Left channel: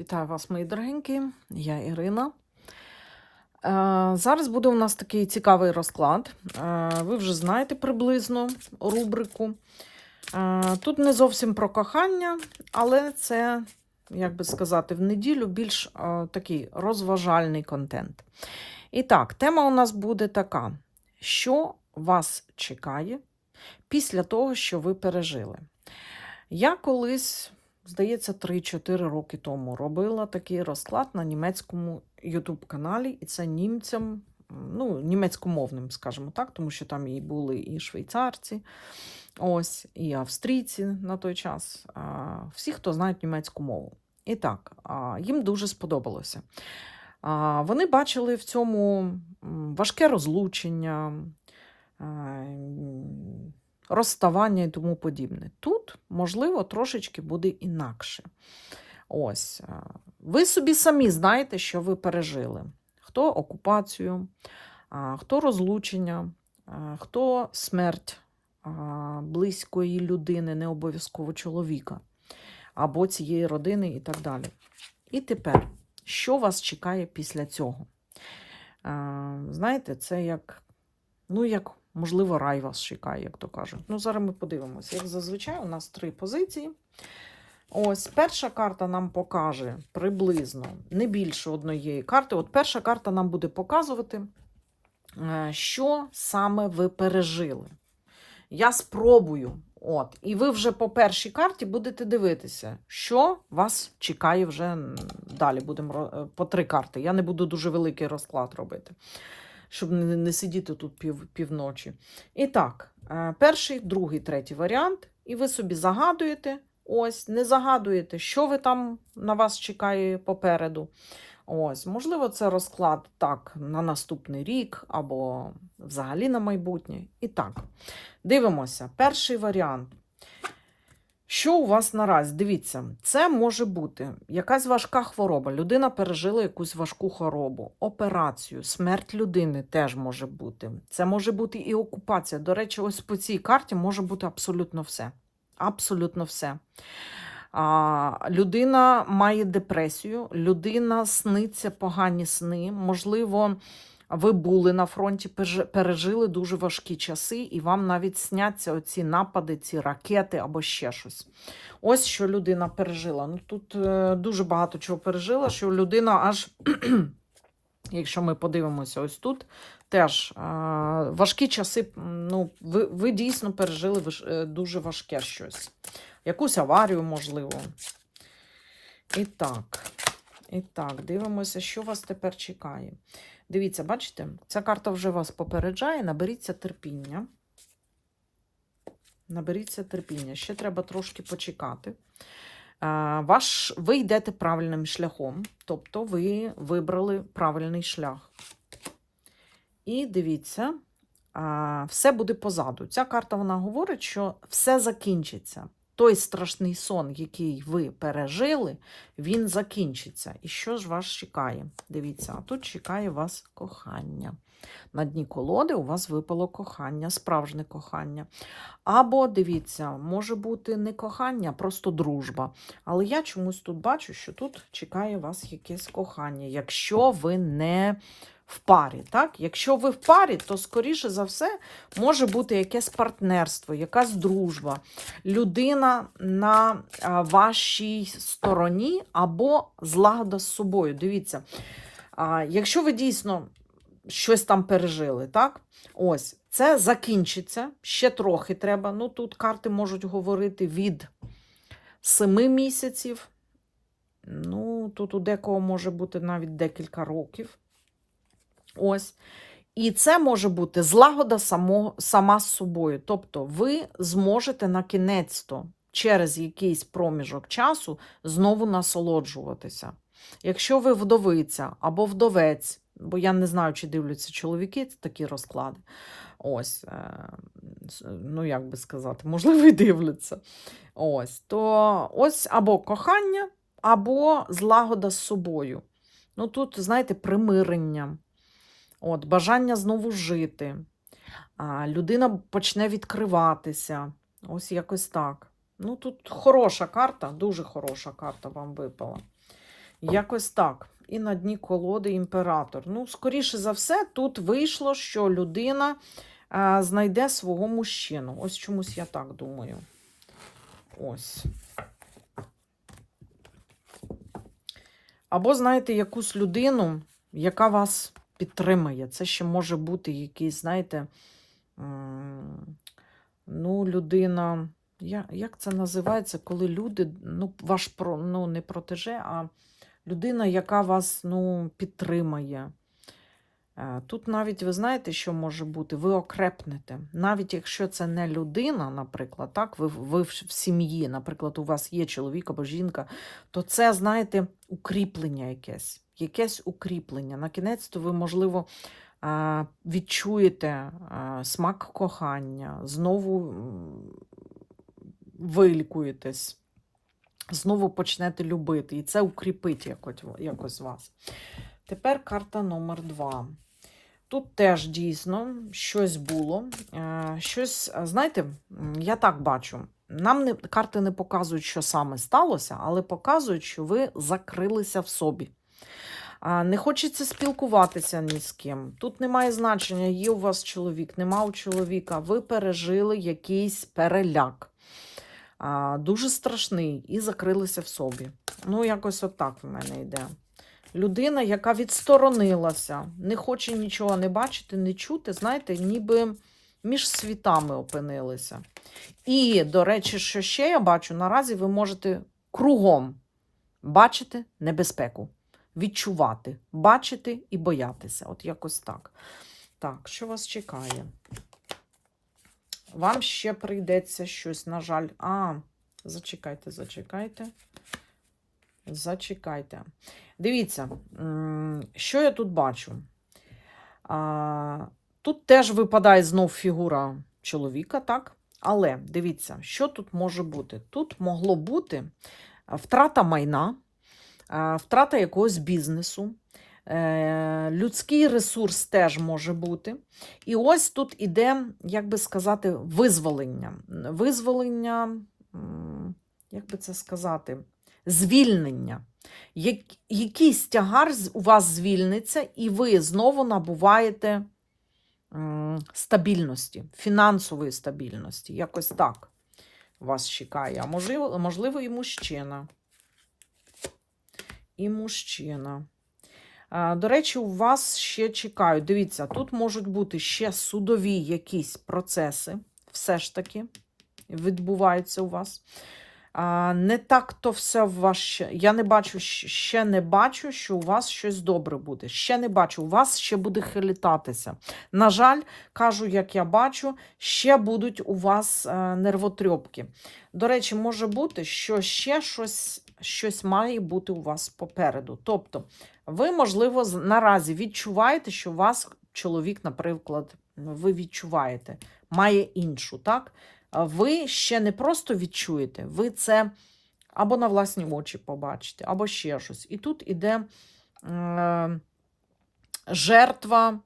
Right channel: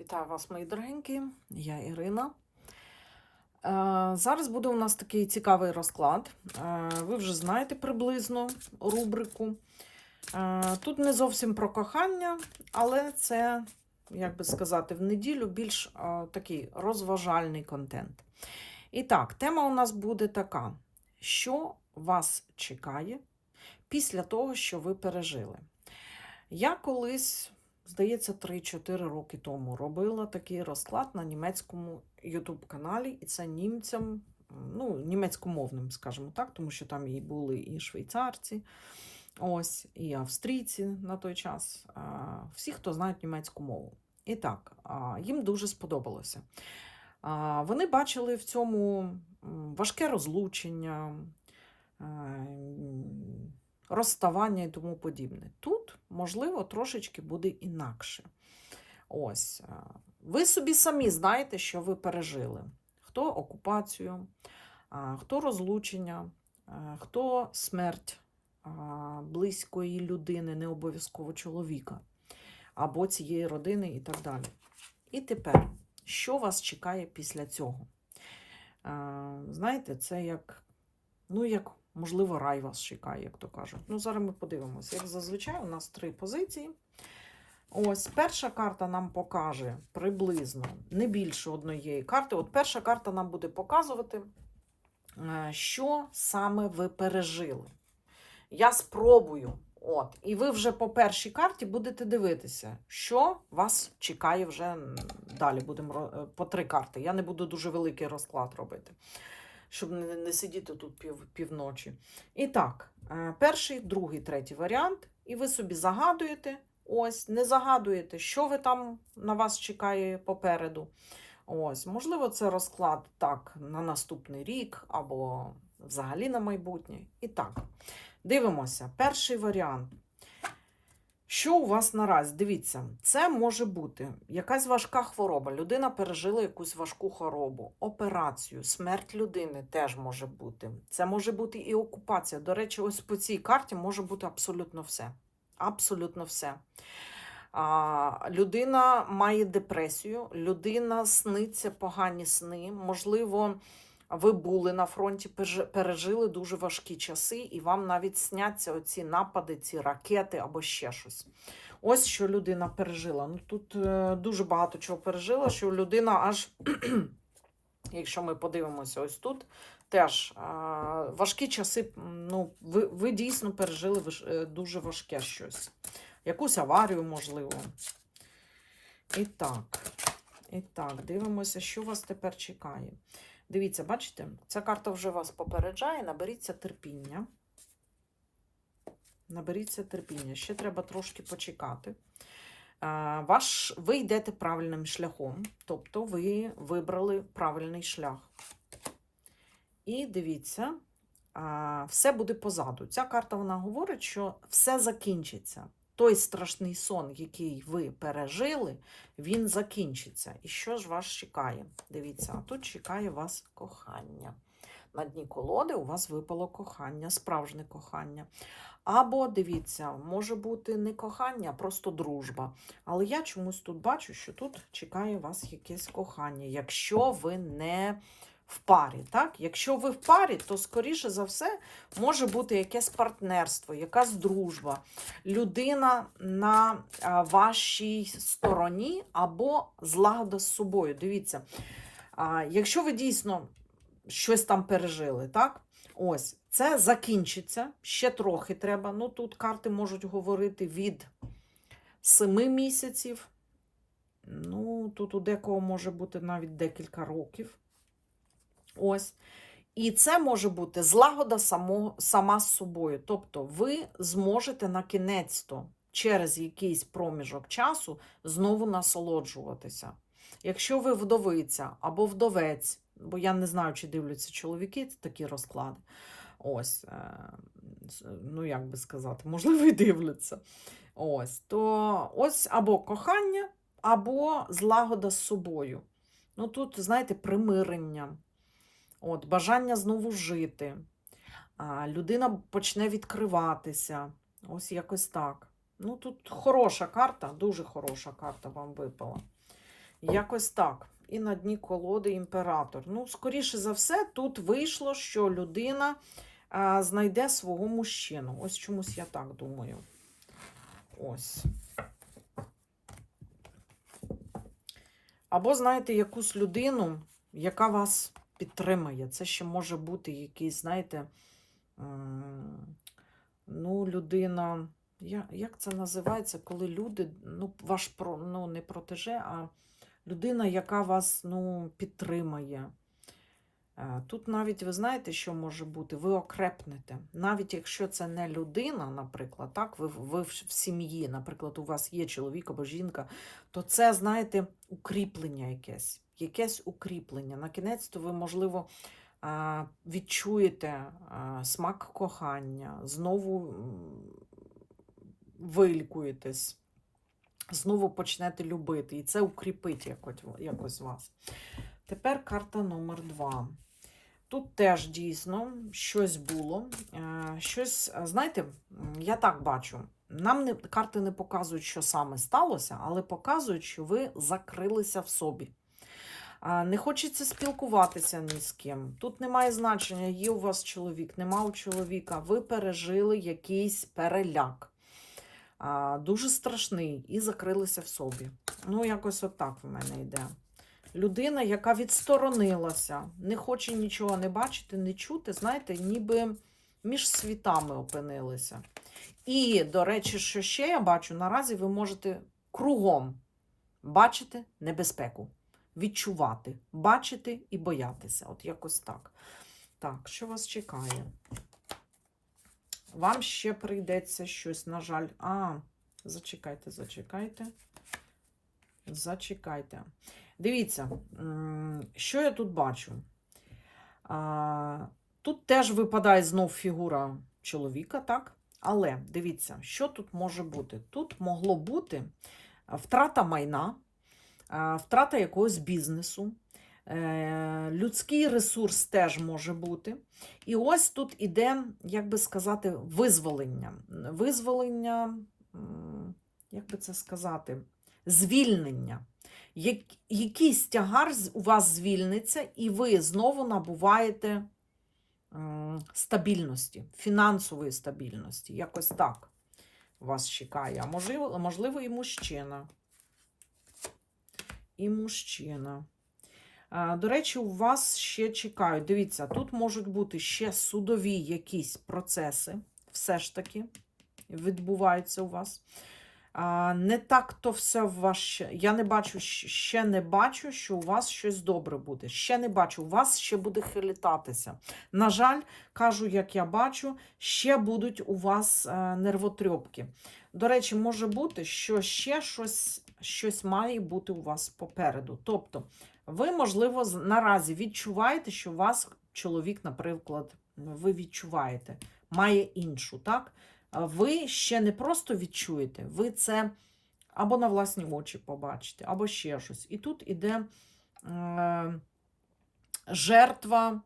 Вітаю вас, мої дорогенькі, я Ірина. Е, Зараз буде у нас такий цікавий розклад. Е, Ви вже знаєте приблизно рубрику. Е, Тут не зовсім про кохання, але це, як би сказати, в неділю більш такий розважальний контент. І так, тема у нас буде така: що вас чекає після того, що ви пережили? Я колись здається, 3-4 роки тому робила такий розклад на німецькому YouTube-каналі, і це німцям, ну, німецькомовним, скажімо так, тому що там і були і швейцарці, ось, і австрійці на той час. Всі, хто знають німецьку мову. І так, їм дуже сподобалося. Вони бачили в цьому важке розлучення. Розставання і тому подібне. Тут, можливо, трошечки буде інакше. Ось. е, Ви собі самі знаєте, що ви пережили. Хто окупацію, хто розлучення, хто смерть близької людини, не обов'язково чоловіка, або цієї родини і так далі. І тепер, що вас чекає після цього? Е, Знаєте, це як, ну, як Можливо, рай вас чекає, як то кажуть. Ну, зараз ми подивимося. Як зазвичай, у нас три позиції. Ось перша карта нам покаже приблизно не більше однієї карти. От перша карта нам буде показувати, е, що саме ви пережили. Я спробую. От, і ви вже по першій карті будете дивитися, що вас чекає вже далі. Будемо е, по три карти. Я не буду дуже великий розклад робити щоб не, сидіти тут пів, півночі. І так, е, перший, другий, третій варіант. І ви собі загадуєте, ось, не загадуєте, що ви там на вас чекає попереду. Ось, можливо, це розклад так на наступний рік або взагалі на майбутнє. І так, дивимося. Перший варіант. Що у вас наразі? Дивіться, це може бути якась важка хвороба. Людина пережила якусь важку хворобу, операцію, смерть людини теж може бути. Це може бути і окупація. До речі, ось по цій карті може бути абсолютно все. Абсолютно все. А, людина має депресію, людина сниться погані сни. Можливо, ви були на фронті, пережили дуже важкі часи, і вам навіть сняться оці напади, ці ракети або ще щось. Ось що людина пережила. Ну тут е, дуже багато чого пережила, що людина аж, якщо ми подивимося, ось тут теж е, важкі часи. Ну, ви, ви дійсно пережили е, дуже важке щось. Якусь аварію, можливо. І так, і так, дивимося, що вас тепер чекає. Дивіться, бачите, ця карта вже вас попереджає. Наберіться терпіння. Наберіться терпіння. Ще треба трошки почекати. Ваш, ви йдете правильним шляхом, тобто ви вибрали правильний шлях. І дивіться, все буде позаду. Ця карта вона говорить, що все закінчиться. Той страшний сон, який ви пережили, він закінчиться. І що ж вас чекає? Дивіться, а тут чекає вас кохання. На дні колоди у вас випало кохання, справжнє кохання. Або, дивіться, може бути не кохання, а просто дружба. Але я чомусь тут бачу, що тут чекає вас якесь кохання, якщо ви не в парі. Так? Якщо ви в парі, то, скоріше за все, може бути якесь партнерство, якась дружба людина на вашій стороні або злагода з собою. Дивіться, якщо ви дійсно щось там пережили, так? Ось, це закінчиться. Ще трохи треба. Ну, тут карти можуть говорити від 7 місяців. Ну, тут у декого може бути навіть декілька років. Ось. І це може бути злагода само, сама з собою. Тобто ви зможете на кінець-то через якийсь проміжок часу знову насолоджуватися. Якщо ви вдовиця або вдовець, бо я не знаю, чи дивляться чоловіки такі розклади. Ось, е, ну як би сказати, можливо, і дивляться. Ось, то ось або кохання, або злагода з собою. Ну тут, знаєте, примирення. От, бажання знову жити. А, людина почне відкриватися. Ось якось так. Ну, тут хороша карта, дуже хороша карта вам випала. Якось так. І на дні колоди імператор. Ну, скоріше за все, тут вийшло, що людина е, знайде свого мужчину. Ось чомусь я так думаю. Ось. Або знаєте якусь людину, яка вас підтримає. Це ще може бути якийсь, знаєте, ну, людина. Як це називається, коли люди, ну, ваш ну, не протеже, а людина, яка вас ну, підтримає. Е, Тут навіть ви знаєте, що може бути? Ви окрепнете. Навіть якщо це не людина, наприклад, так, ви, ви в сім'ї, наприклад, у вас є чоловік або жінка, то це, знаєте, укріплення якесь. Якесь укріплення. На кінець, то ви, можливо, е, відчуєте е, смак кохання, знову вилікуєтесь, знову почнете любити. І це укріпить якось вас. Тепер карта номер два. Тут теж дійсно щось було. е, Щось, знаєте, я так бачу. Нам не, карти не показують, що саме сталося, але показують, що ви закрилися в собі. Не хочеться спілкуватися ні з ким. Тут немає значення, є у вас чоловік, нема у чоловіка. Ви пережили якийсь переляк. Дуже страшний і закрилися в собі. Ну, якось отак в мене йде. Людина, яка відсторонилася, не хоче нічого не бачити, не чути, знаєте, ніби між світами опинилися. І, до речі, що ще я бачу, наразі ви можете кругом бачити небезпеку, відчувати, бачити і боятися. От якось так. Так, що вас чекає? Вам ще прийдеться щось, на жаль. А, зачекайте, зачекайте. Зачекайте. Дивіться, що я тут бачу. Тут теж випадає знов фігура чоловіка, так? Але дивіться, що тут може бути? Тут могло бути втрата майна, втрата якогось бізнесу, е, людський ресурс теж може бути. І ось тут іде, як би сказати, визволення. Визволення, як би це сказати, звільнення. Як, якийсь тягар у вас звільниться, і ви знову набуваєте стабільності, фінансової стабільності. Якось так вас чекає. А можливо, можливо, і мужчина. І мужчина. До речі, у вас ще чекають. Дивіться, тут можуть бути ще судові якісь процеси, все ж таки, відбуваються у вас. Не так то все в вас. Я не бачу, ще не бачу, що у вас щось добре буде. Ще не бачу, у вас ще буде хилітатися. На жаль, кажу, як я бачу, ще будуть у вас е, нервотрьопки. До речі, може бути, що ще щось, щось має бути у вас попереду. Тобто, ви, можливо, наразі відчуваєте, що у вас чоловік, наприклад, ви відчуваєте, має іншу, так? Ви ще не просто відчуєте, ви це або на власні очі побачите, або ще щось. І тут іде е, жертва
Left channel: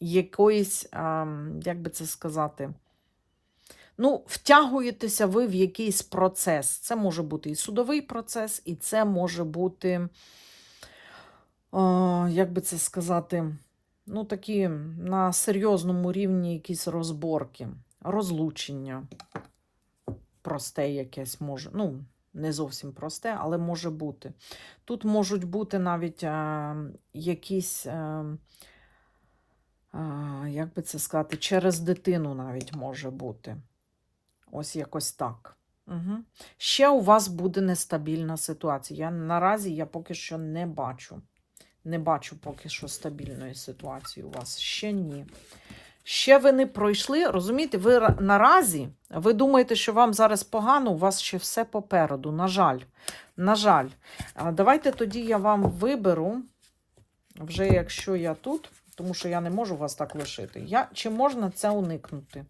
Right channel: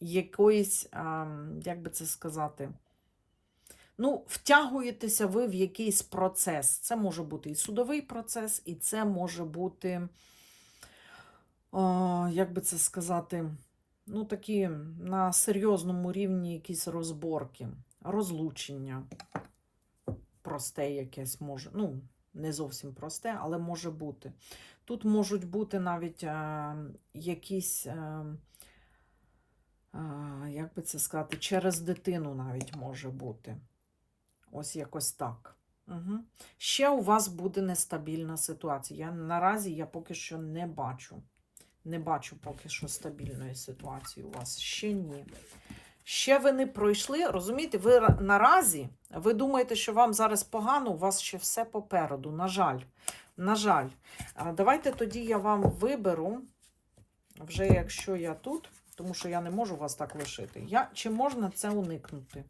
якоїсь, е, як би це сказати, ну, втягуєтеся ви в якийсь процес. Це може бути і судовий процес, і це може бути, е, як би це сказати, ну, такі на серйозному рівні якісь розборки, розлучення просте якесь може. Ну, не зовсім просте, але може бути. Тут можуть бути навіть е, якісь, е, е, як би це сказати, через дитину навіть може бути. Ось якось так. Угу. Ще у вас буде нестабільна ситуація. Я, наразі я поки що не бачу. Не бачу поки що стабільної ситуації у вас. Ще ні. Ще ви не пройшли, розумієте, ви наразі, ви думаєте, що вам зараз погано, у вас ще все попереду. На жаль. На жаль. Давайте тоді я вам виберу, вже якщо я тут, тому що я не можу вас так лишити. Я, чи можна це уникнути?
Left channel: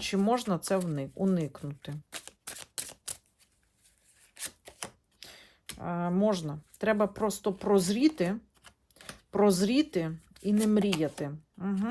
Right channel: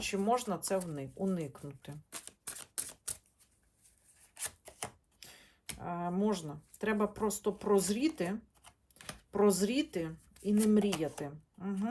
Чи можна це уникнути? Можна. Треба просто прозріти, прозріти і не мріяти. Угу.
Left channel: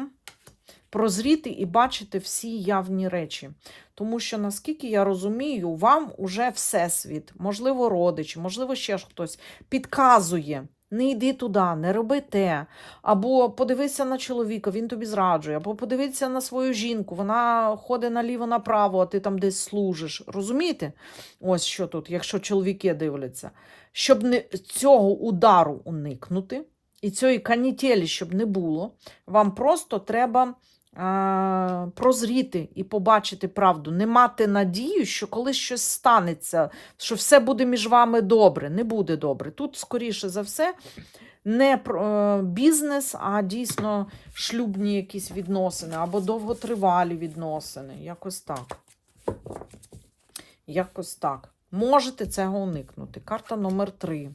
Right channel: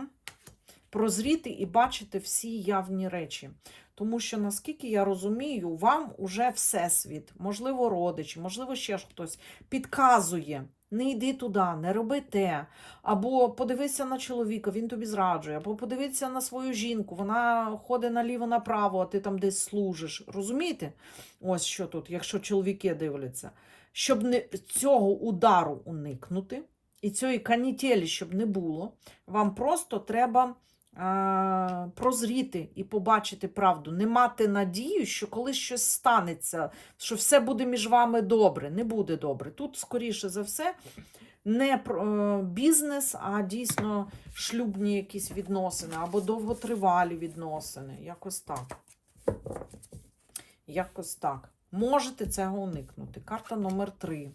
Прозріти і бачити всі явні речі. Тому що, наскільки я розумію, вам уже всесвіт, можливо, родичі, можливо, ще ж хтось підказує. Не йди туди, не роби те. Або подивися на чоловіка, він тобі зраджує, або подивися на свою жінку, вона ходить наліво-направо, а ти там десь служиш. Розумієте? Ось що тут, якщо чоловіки дивляться. Щоб не, цього удару уникнути і цієї канітелі, щоб не було, вам просто треба прозріти і побачити правду, не мати надію, що колись щось станеться, що все буде між вами добре. Не буде добре. Тут, скоріше за все, не е, бізнес, а дійсно шлюбні якісь відносини або довготривалі відносини. Якось так. Якось так. Можете цього уникнути. Карта номер 3.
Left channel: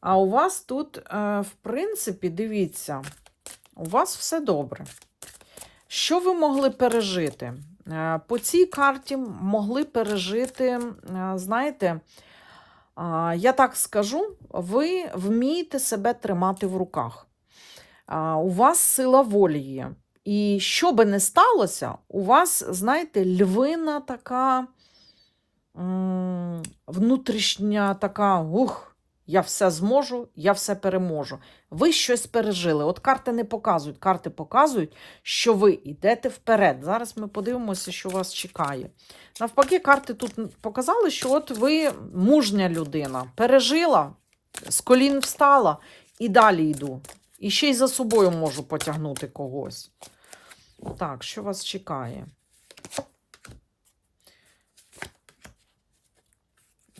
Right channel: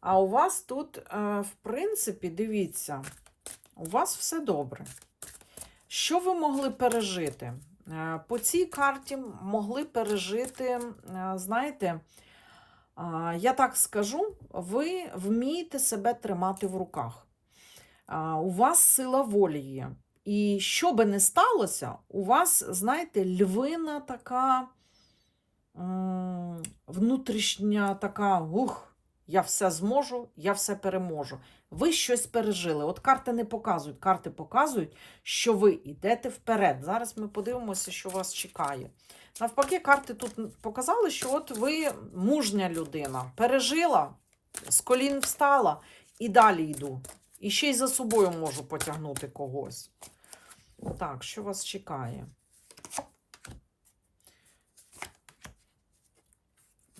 А у вас тут, е, в принципі, дивіться, у вас все добре. Що ви могли пережити? Е, По цій карті могли пережити, знаєте, я так скажу, ви вмієте себе тримати в руках. У вас сила волі є. І що би не сталося, у вас, знаєте, львина така внутрішня така, ух, я все зможу, я все переможу. Ви щось пережили. От карти не показують. Карти показують, що ви йдете вперед. Зараз ми подивимося, що вас чекає. Навпаки, карти тут показали, що от ви мужня людина, пережила, з колін встала і далі йду. І ще й за собою можу потягнути когось. Так, що вас чекає?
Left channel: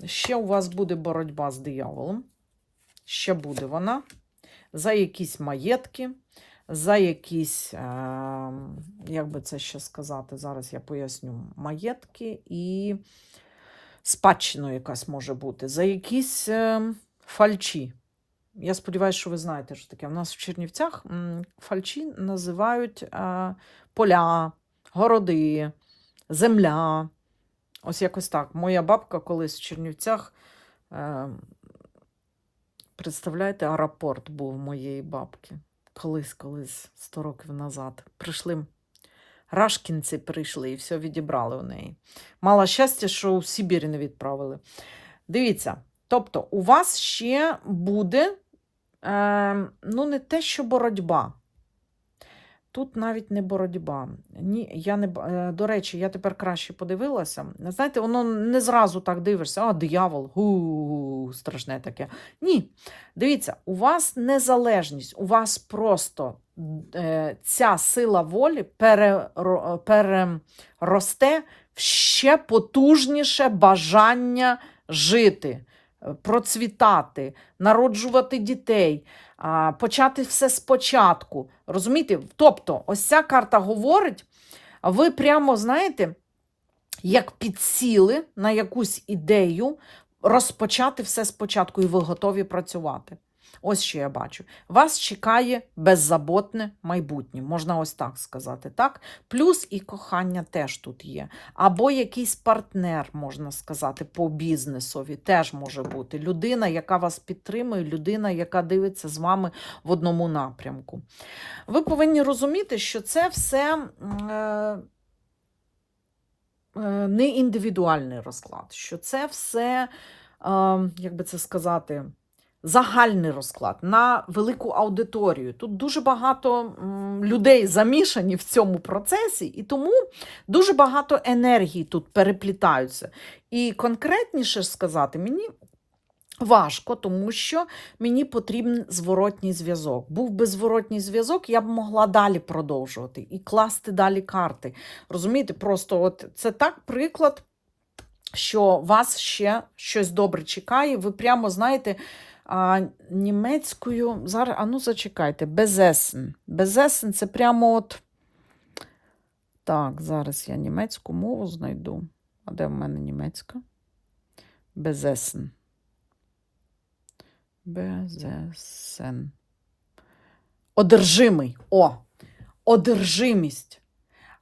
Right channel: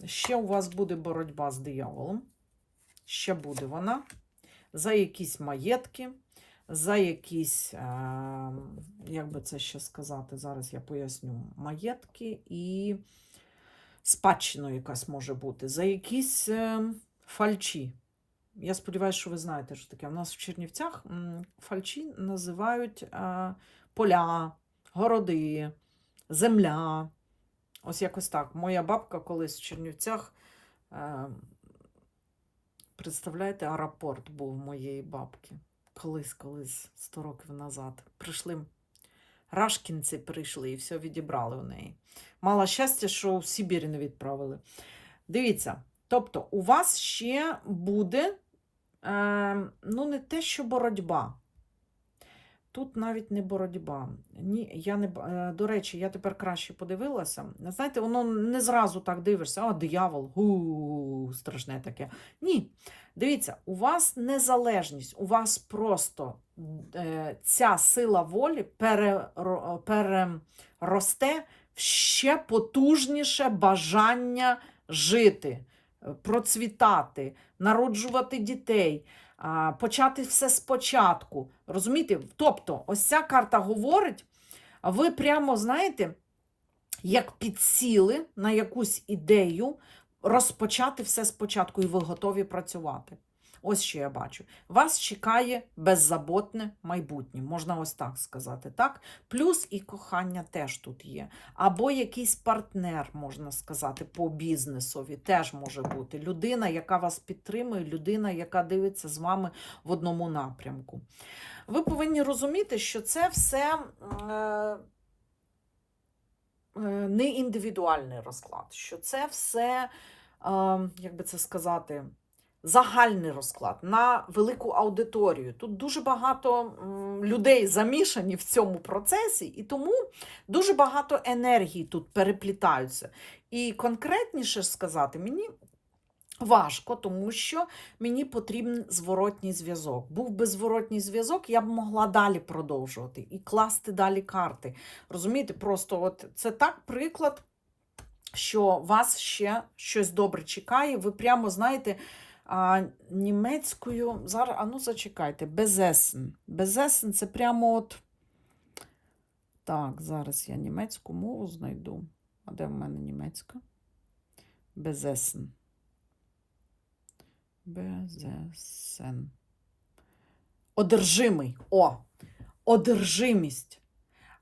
Ще у вас буде боротьба з дияволом. Ще буде вона. За якісь маєтки, за якісь, е, як би це ще сказати, зараз я поясню, маєтки і спадщина якась може бути, за якісь е, фальчі. Я сподіваюся, що ви знаєте, що таке. У нас в Чернівцях фальчі називають е, поля, городи, земля. Ось якось так. Моя бабка колись в Чернівцях. Е, Представляєте, аеропорт був моєї бабки. Колись, колись, 100 років назад. Прийшли рашкінці прийшли і все відібрали у неї. Мала щастя, що в Сибір не відправили. Дивіться, тобто, у вас ще буде е, ну, не те, що боротьба. Тут навіть не боротьба. Ні, я не, е, до речі, я тепер краще подивилася. Знаєте, воно не зразу так дивишся, а диявол, гу, страшне таке. Ні. Дивіться, у вас незалежність, у вас просто е, ця сила волі переросте в ще потужніше бажання жити, е, процвітати, народжувати дітей, почати все спочатку. Розумієте? Тобто, ось ця карта говорить, ви прямо знаєте, як підсіли на якусь ідею розпочати все спочатку, і ви готові працювати. Ось що я бачу. Вас чекає беззаботне майбутнє, можна ось так сказати. так? Плюс і кохання теж тут є. Або якийсь партнер, можна сказати, по бізнесові теж може бути. Людина, яка вас підтримує, людина, яка дивиться з вами в одному напрямку. Ви повинні розуміти, що це все. е, е, Не індивідуальний розклад, що це все, е, як би це сказати, загальний розклад на велику аудиторію. Тут дуже багато людей замішані в цьому процесі, і тому дуже багато енергії тут переплітаються. І конкретніше сказати, мені важко, тому що мені потрібен зворотній зв'язок. Був би зворотній зв'язок, я б могла далі продовжувати і класти далі карти. Розумієте, просто от це так приклад. Що вас ще щось добре чекає, ви прямо знаєте, а, німецькою. Зараз, а ну зачекайте, безесен. Безесен це прямо от. Так, зараз я німецьку мову знайду. А де в мене німецька? Безесен. Безесен. Одержимий. О! Одержимість.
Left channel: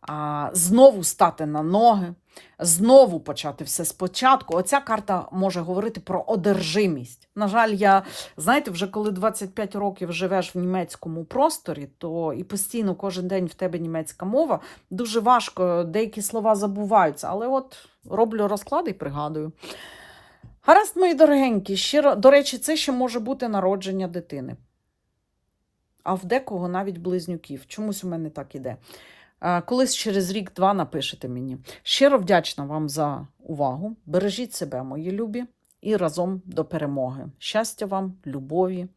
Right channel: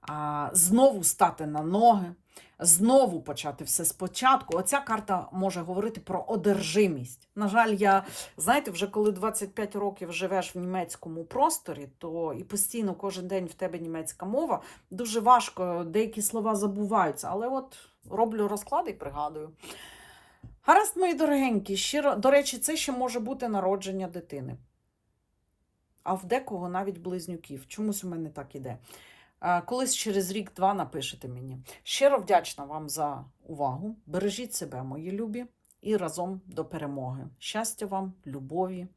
А, знову стати на ноги, знову почати все спочатку. Оця карта може говорити про одержимість. На жаль, я знаєте, вже коли 25 років живеш в німецькому просторі, то і постійно кожен день в тебе німецька мова, дуже важко, деякі слова забуваються. Але от роблю розклади і пригадую. Гаразд, мої дорогенькі, щиро, до речі, це ще може бути народження дитини. А в декого навіть близнюків. Чомусь у мене так іде. Е, Колись через рік-два напишете мені. Щиро вдячна вам за увагу. Бережіть себе, мої любі, і разом до перемоги. Щастя вам, любові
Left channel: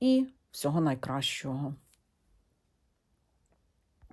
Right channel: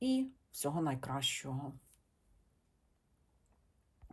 і всього найкращого.